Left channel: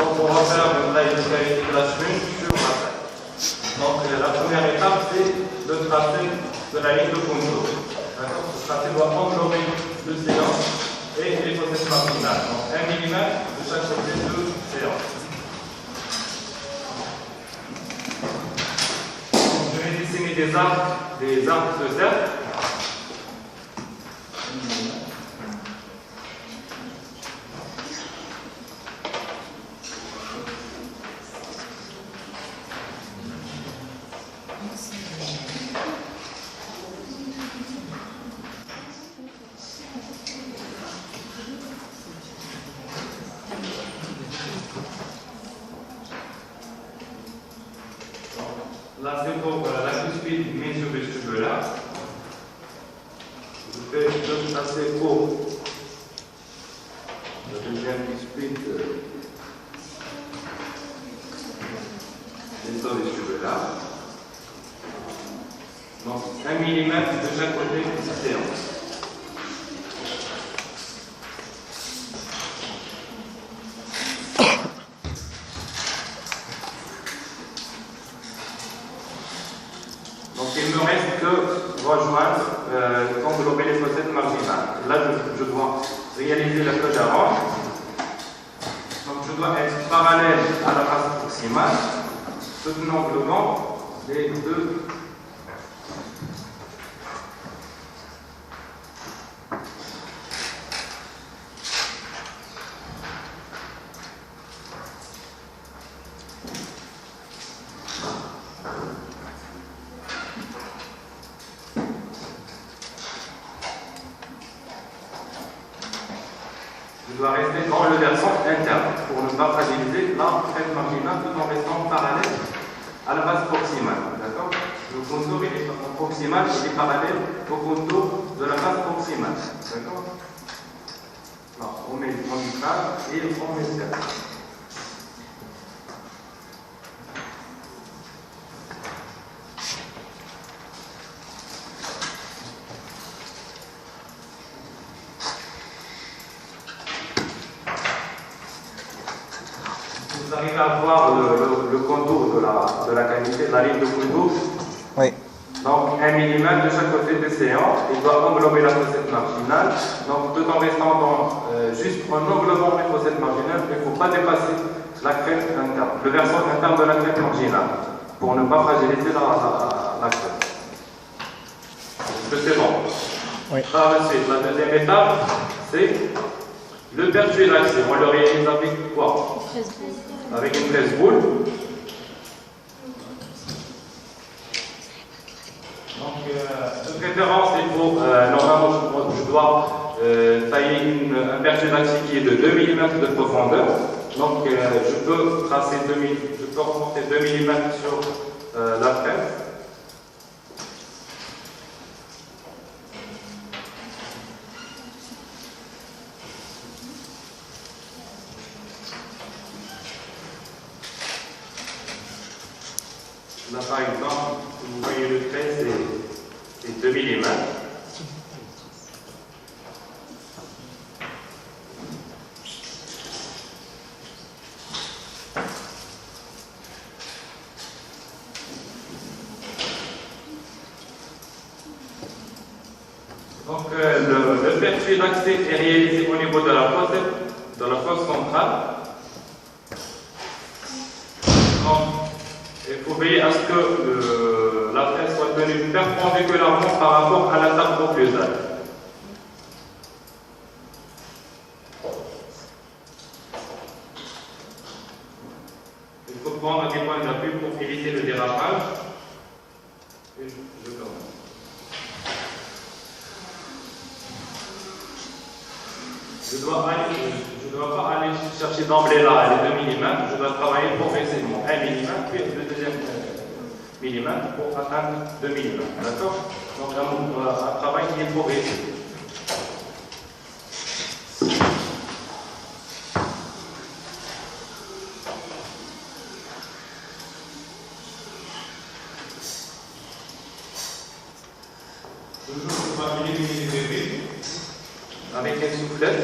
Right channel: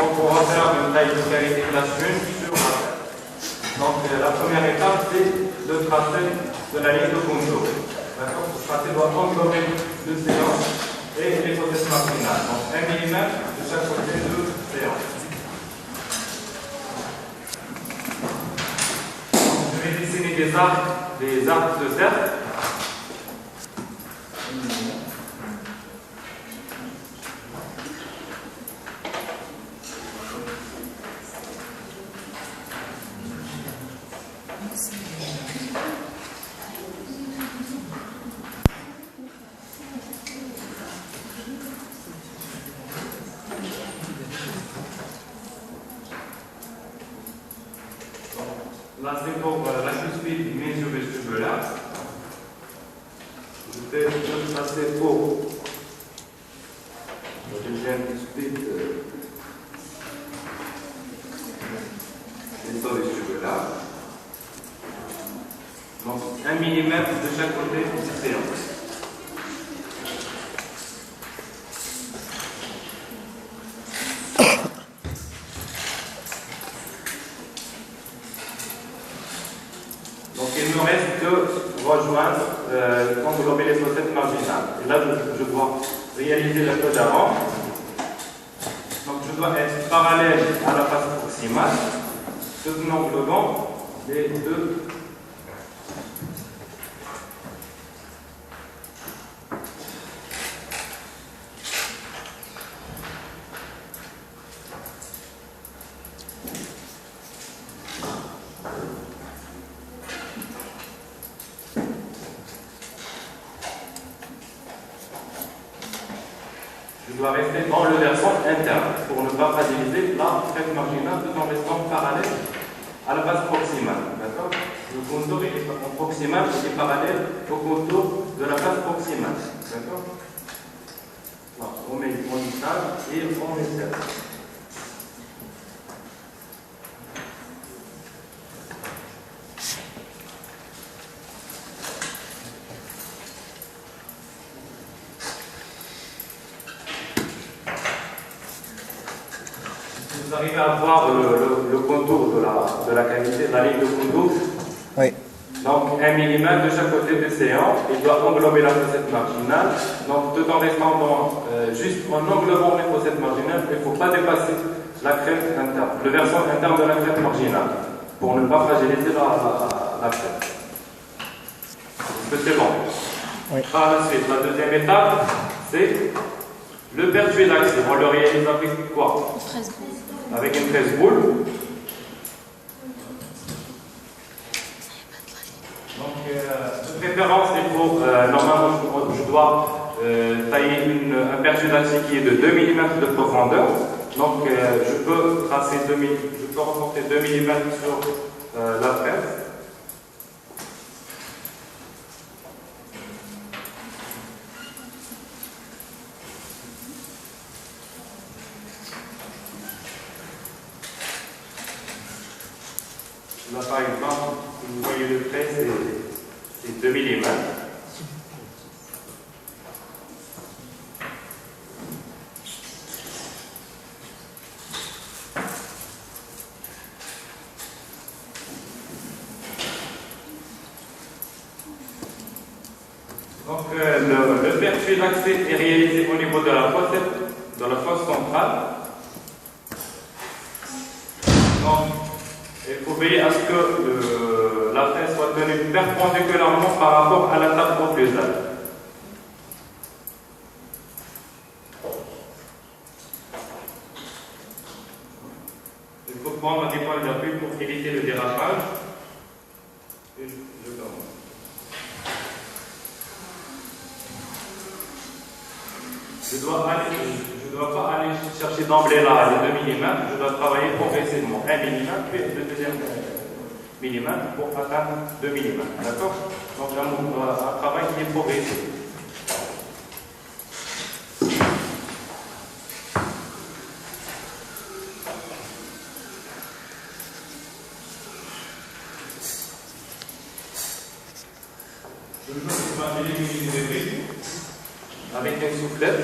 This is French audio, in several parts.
Donc on va faire une taille de cavité classe 1 sur la tête. Donc la première étape, c'est le tracé de la ligne de contour. D'accord? Ce tracé doit englober le séance et les faussettes marginales. Donc 1 mm de chaque côté de séance. Donc, je vais dessiner des arcs de cercle. Là, c'est pour la cuspide mésiovestibulaire. Je fais le tracé pour la deuxième cuspide mésiovestibulaire. Donc, 1 mm de chaque côté de séance. Donc il me reste que rejoindre, englober les faussettes marginales. Et là, je dois réaliser la queue d'avant. Donc je dois être parallèle à la face proximale, tout en englobant les deux. Je dois rester dans le versant interne pour ne pas fragiliser la crête marginale tout en restant parallèle à la face proximale. D'accord? Le contour il est en proximal, il est parallèle au contour de la face proximale. D'accord? On met le frontal et on met le cercle. Vous arrivez à voir le contour de la cavité, la ligne de contour. Oui. Donc 1 mm de chaque côté du séant, il doit englober la fossette marginale. Donc tout en restant dans, juste en englobant les fossettes marginales, il ne faut pas dépasser la crête interne, le versant interne de la crête marginale, pour ne pas fragiliser la crête. Est-ce que c'est bon? Oui. Par la suite, la deuxième étape, c'est le pertuis d'axé. On le réalise avec quoi? Avec une 13 boules. Donc, de préférence, il faut, normalement, je dois tailler un pertuis d'axé qui est de 2 mm de profondeur. Donc, je peux tracer je peux remonter 2 mm sur la fraise. Là, par exemple, vous voyez le trait, c'est 2 mm. Donc, le pertuis d'axé est réalisé au niveau de la fosse centrale. Donc, il faut veiller à ce que la fraise soit tenue perpendiculairement par rapport à la table occlusale. Il faut prendre des points d'appui pour éviter le dérapage. Et je commence. Je ne dois pas aller chercher d'emblée là les 2 mm, je dois travailler progressivement 1 mm, puis le deuxième millimètre pour atteindre 2 mm. D'accord? Donc un travail qui est progressif. Toujours, on va éliminer avec une soufflette.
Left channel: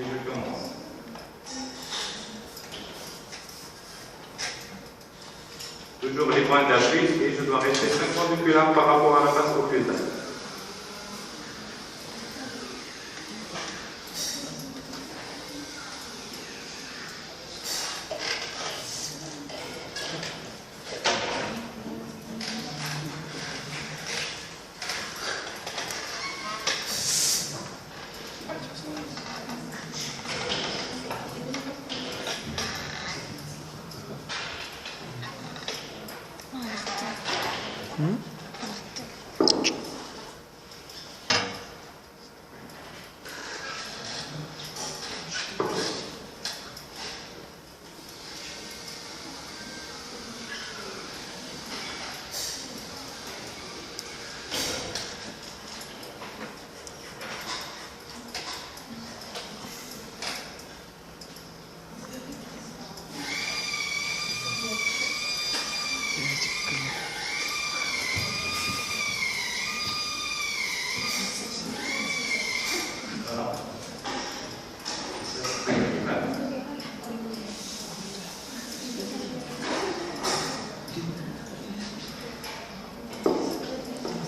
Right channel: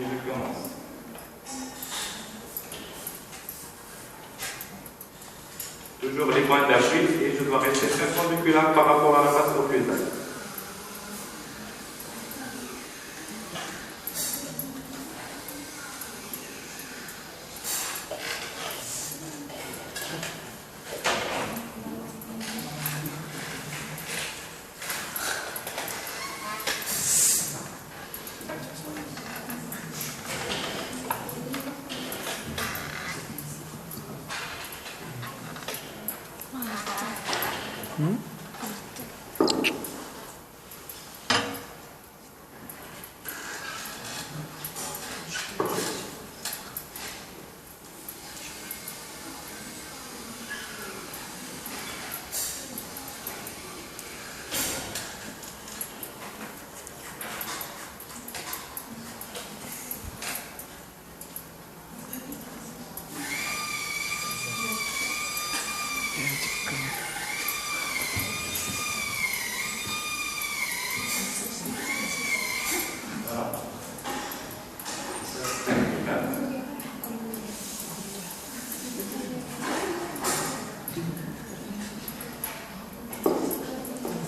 Et je commence. Toujours les points d'appui et je dois rester perpendiculaire par rapport à la face occlusale.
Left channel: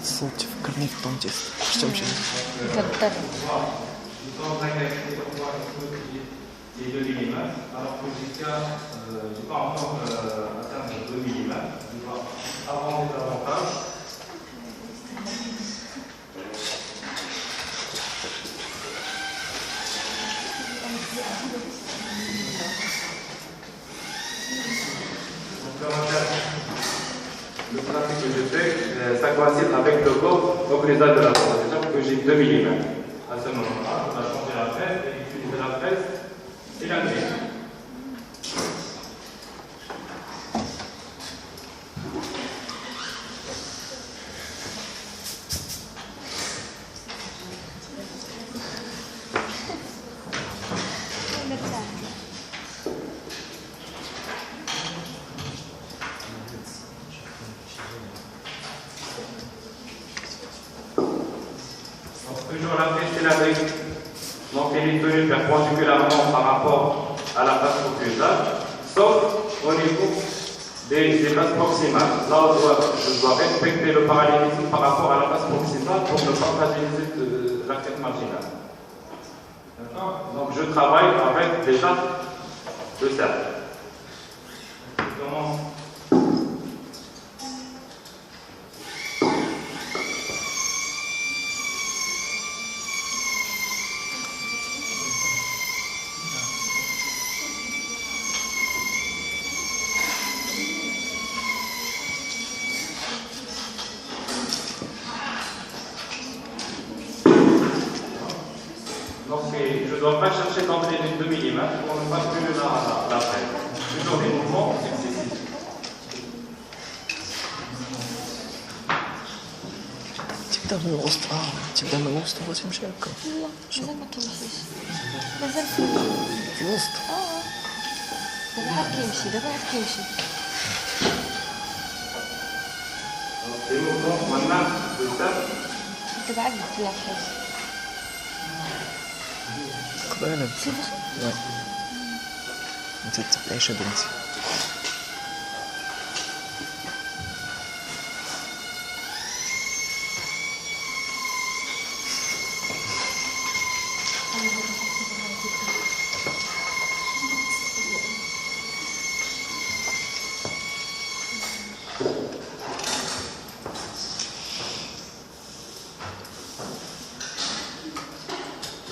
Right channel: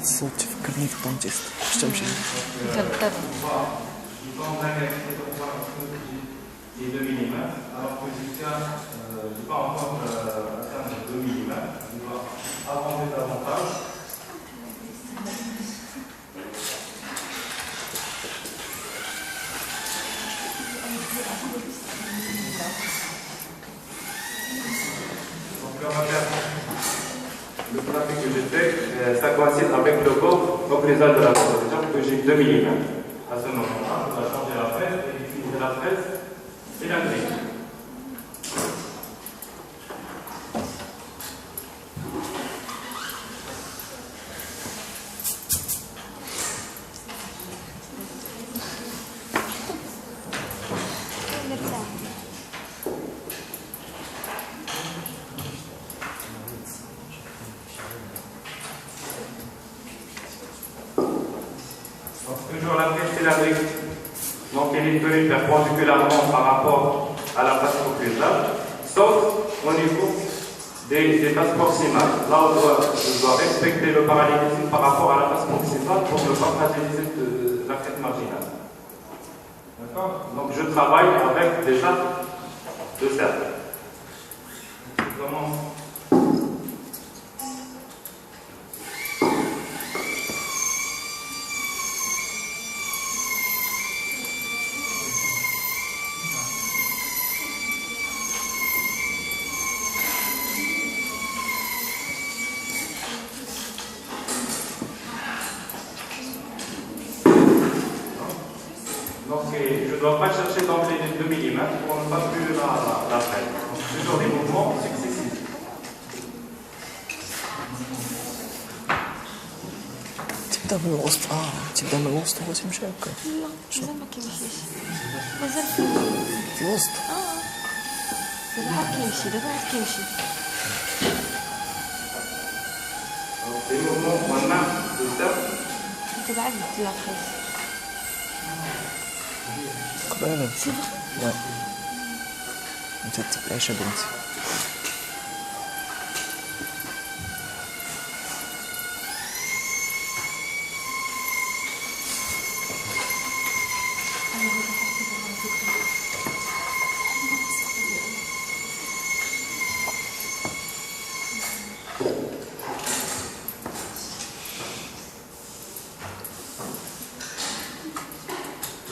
الصوت تفكرني في الدونتيست واش تمشي بالضبط. Qui est 2 mm, alors que jusqu'à, je n'ai pas encore atteindre 2 mm, je dois avancer davantage. Donc on va faire le graphique que j'ai fait, ça coïncide avec le bord occlusal de la proposition que j'ai 2 mm. À ce moment-là, je dois changer la fraise et utiliser la fraise cylindrique. Toujours la fraise cylindrique, donc elle est tenue perpendiculairement par rapport à la face occlusale, sauf au niveau des faces proximales. Là, je dois respecter le parallélisme par rapport à la face proximale pour ne pas fragiliser la crête marginale. D'accord? Donc je travaille avec déjà le cercle. Je commence. Donc je ne dois pas chercher d'emblée les 2 mm pour ne pas brûler la fraise. Toujours des mouvements successifs. تبدا من الوسط تبدا من الوسط وتمشي هكا لا مازال ما كيمشيش مازال في الوسط دابا عاد كيمشي دابا عاد كيمشي Des mouvements où on a le cercle. دابا عاد بدل لافاس قبالة وي انت تبعيش بنتي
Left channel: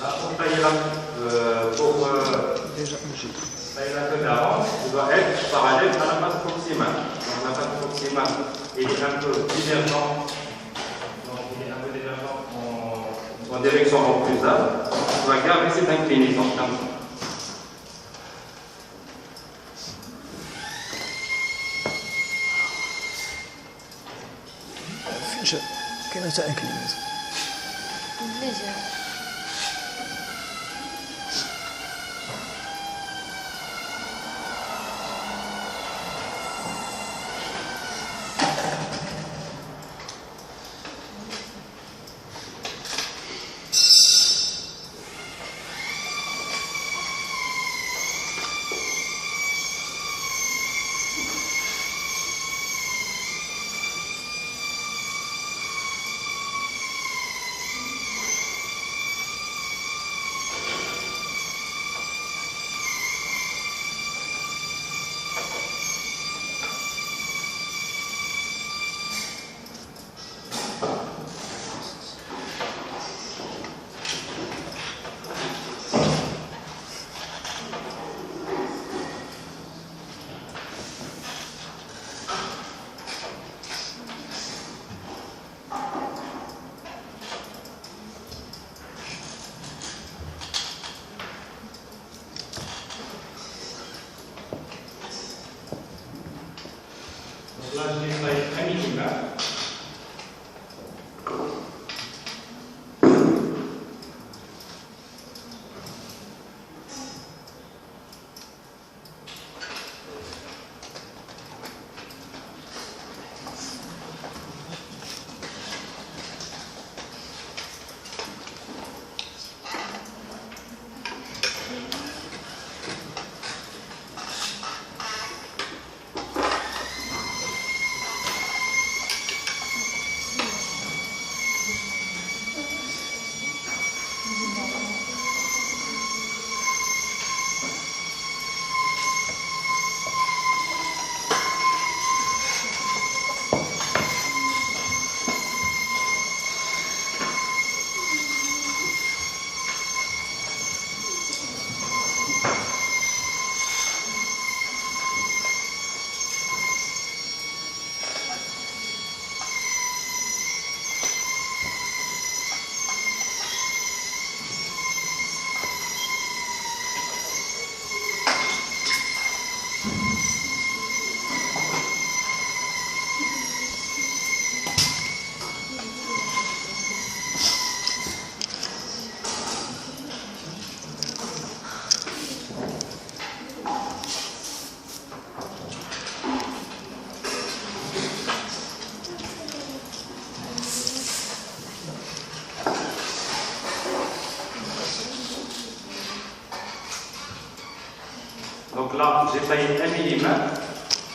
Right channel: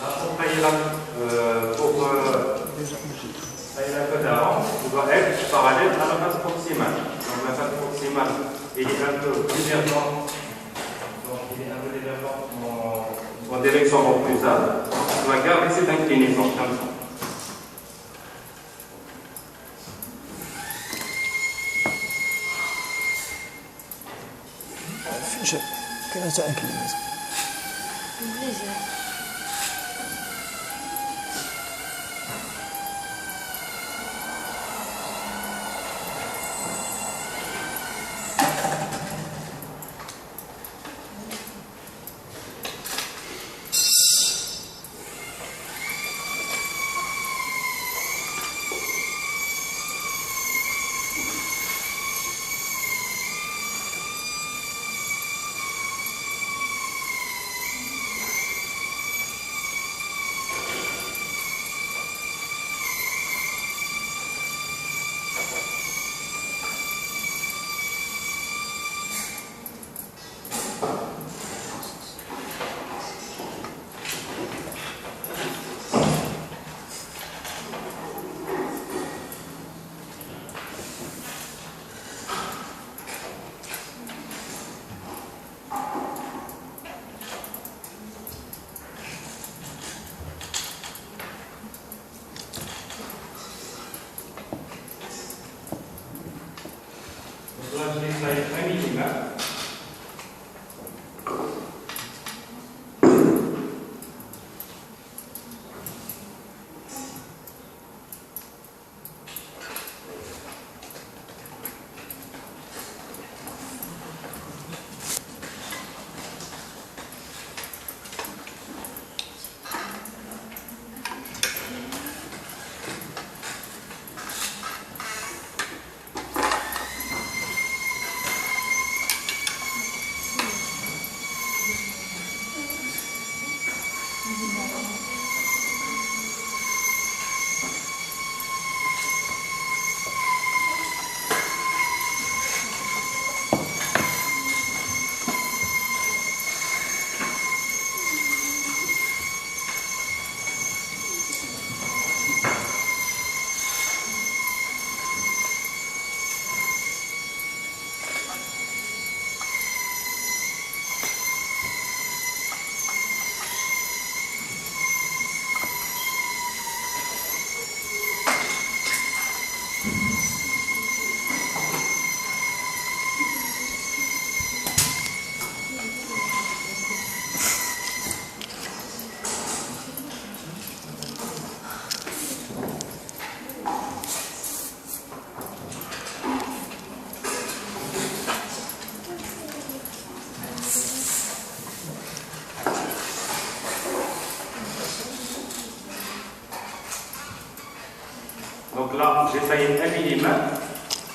Là, pour tailler la queue d'avant, il doit être parallèle à la face proximale. Donc la face proximale, il est un peu divergent. Donc il est un peu divergent en direction occlusale. On doit garder cette inclinaison comme ça. فين جا كاينه حتى انكلينيزم مزيان Donc là, j'ai taillé 1 mm.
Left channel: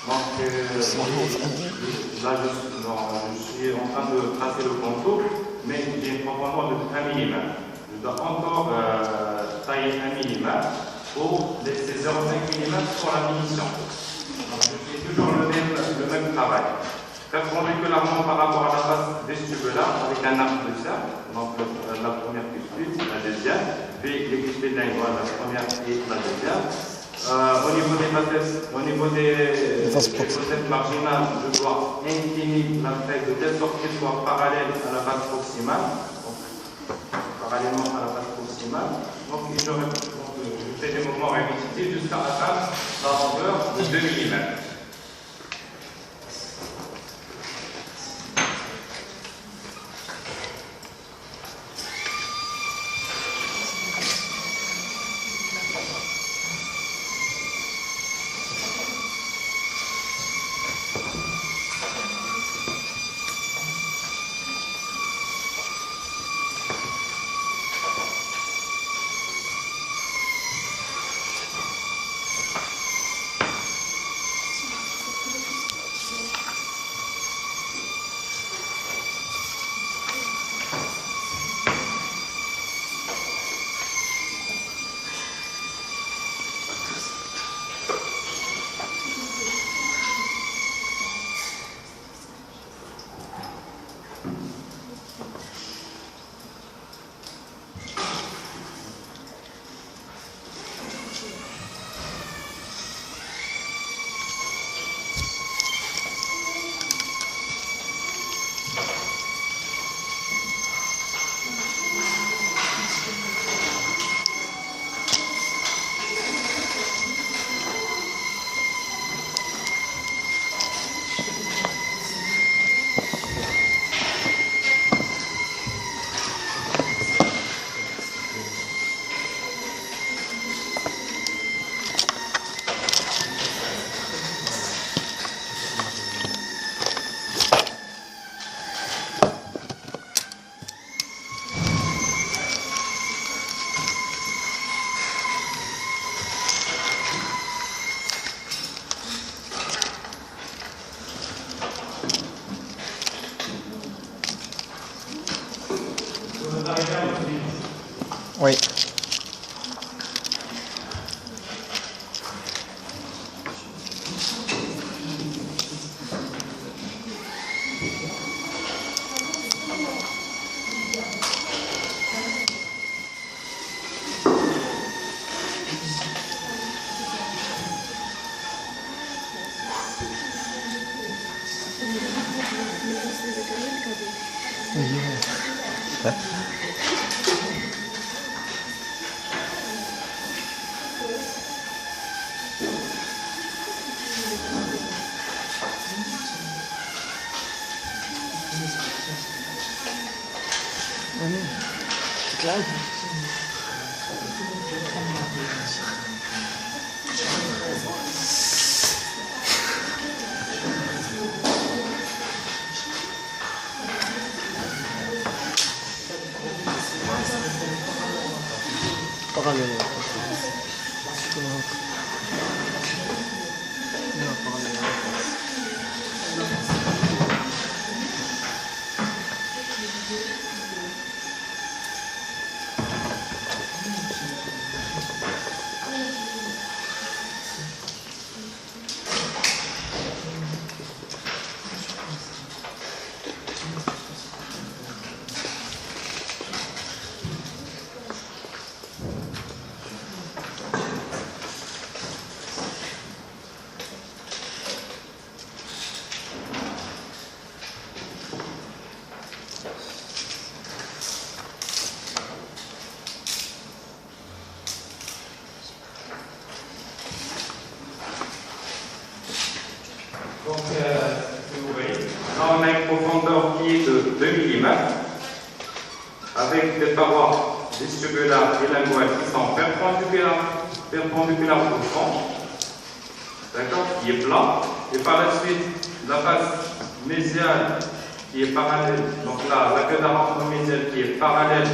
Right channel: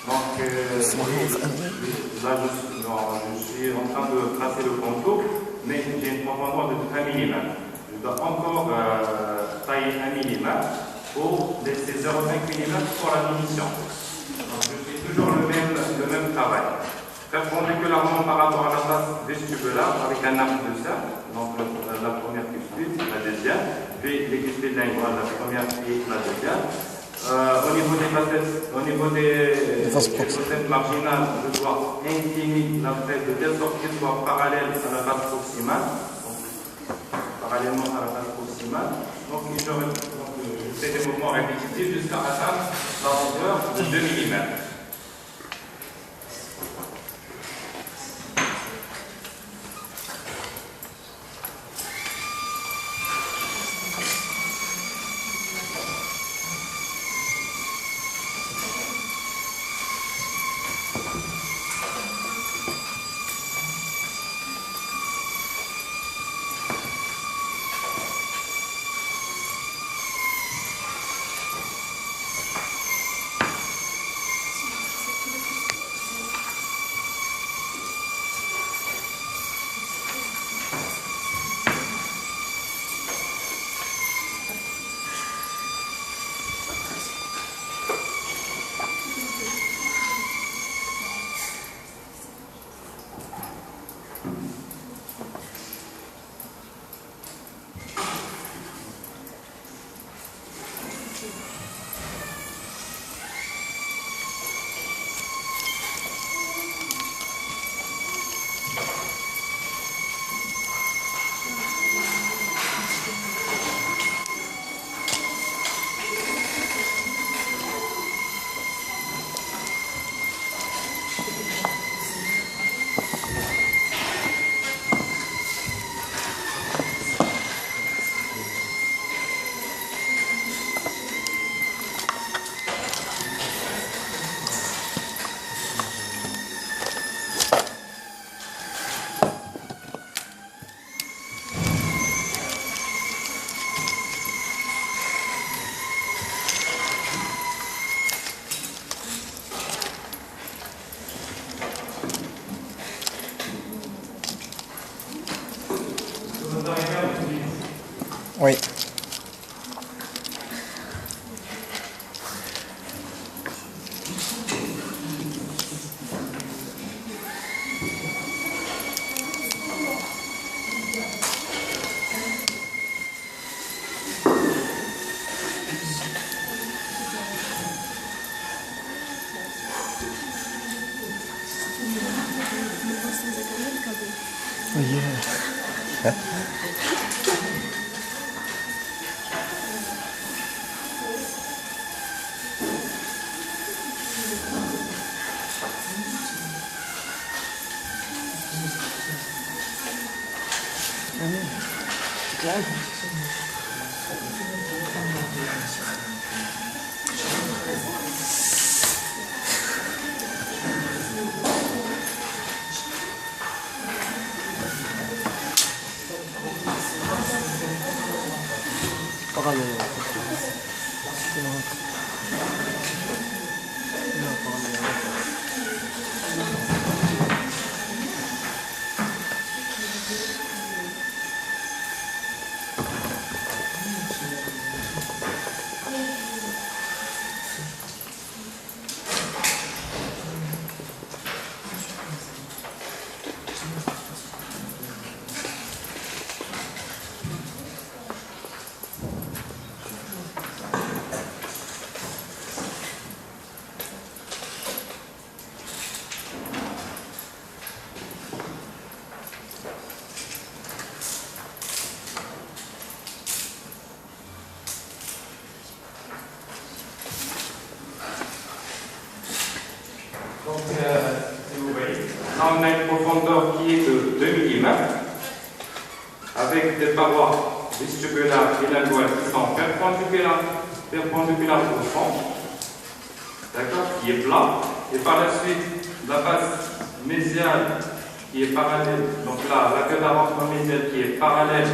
Donc là, je suis en train de tracer le contour, mais j'ai une profondeur de 1 mm. Je dois encore tailler 1 mm pour laisser 0,5 mm pour la finition. Donc je fais toujours le même travail. Perpendiculairement par rapport à la face vestibulaire avec un arc de cercle. Donc la première cuspide, la deuxième, puis les cuspides linguales, la première et la deuxième. Au niveau des facettes, au niveau des facettes marginales, je dois incliner la fraise de telle sorte qu'elle soit parallèle à la face proximale. Donc, parallèlement à la face proximale. Donc je fais des mouvements répétitifs jusqu'à atteindre la longueur de 2 mm. Oui. Claro. Parallelo. Donc, si vous voyez, là on a une profondeur qui est de 2 mm avec des parois vestibulaires et linguales qui sont perpendiculaires au fond, d'accord, qui est plat, et par la suite la face mésiale qui est parallèle, donc là la queue d'arrangement mésiale qui est parallèle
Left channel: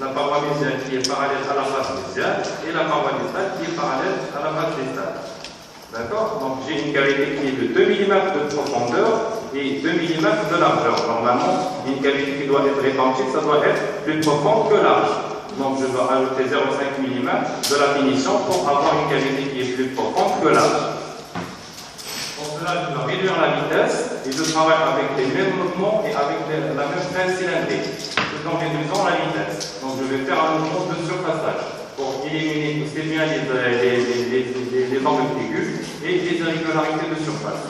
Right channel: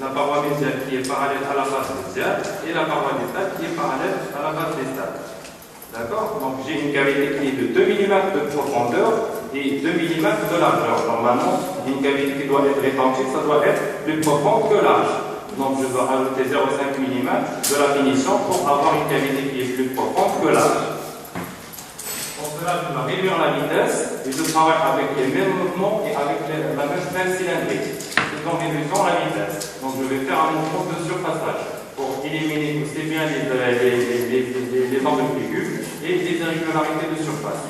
la paroi médiane qui est parallèle à la face médiane et la paroi distale qui est parallèle à la face distale. D'accord? Donc j'ai une cavité qui est de 2 mm de profondeur et 2 mm de largeur. Normalement, une cavité qui doit être étanchée, ça doit être plus profond que large. Donc je dois ajouter 0,5 mm de la finition pour avoir une cavité qui est plus profonde que large. Pour cela, je dois réduire la vitesse et je travaille avec les mêmes mouvements et avec la même pince cylindrique, tout en réduisant la vitesse. Donc je vais faire un mouvement de surfaçage pour éliminer aussi bien les angles aigus et les irrégularités de surface.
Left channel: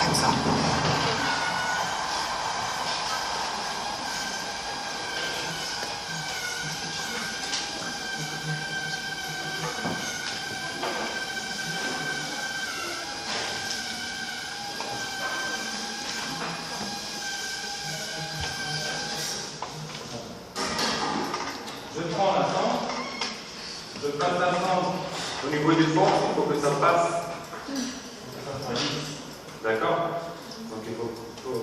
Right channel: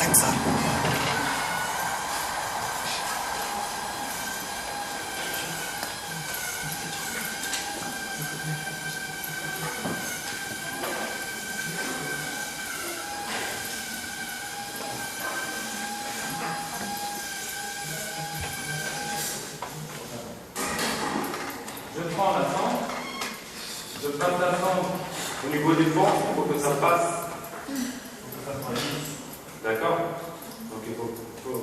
Comme ça. Je prends la sangle, je passe la sangle au niveau du fond, il faut que ça passe. D'accord? Donc il faut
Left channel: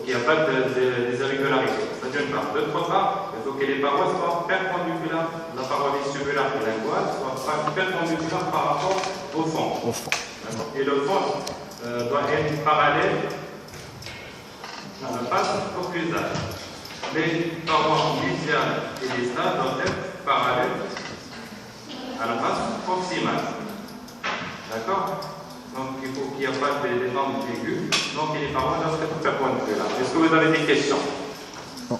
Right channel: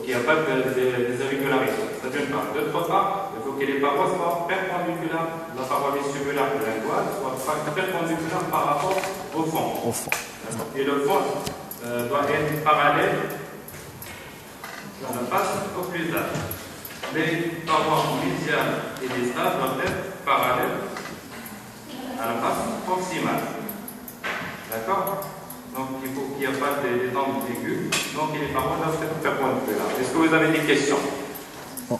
qu'il n'y ait pas des irrégularités. Ça d'une part. D'autre part, il faut que les parois soient perpendiculaires. La paroi vestibulaire et linguale soient perpendiculaires par rapport au fond. Au fond. Et le fond doit être parallèle à la face au paysage. Les parois médianes et distales doivent être parallèles à la face proximale. D'accord? Donc il faut qu'il n'y ait pas des angles aigus. Donc les parois doivent être perpendiculaires. Est-ce que vous avez des questions? Non.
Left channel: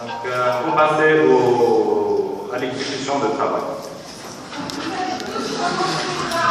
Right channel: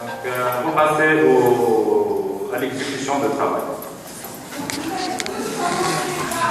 Donc on va passer à l'exécution de travail.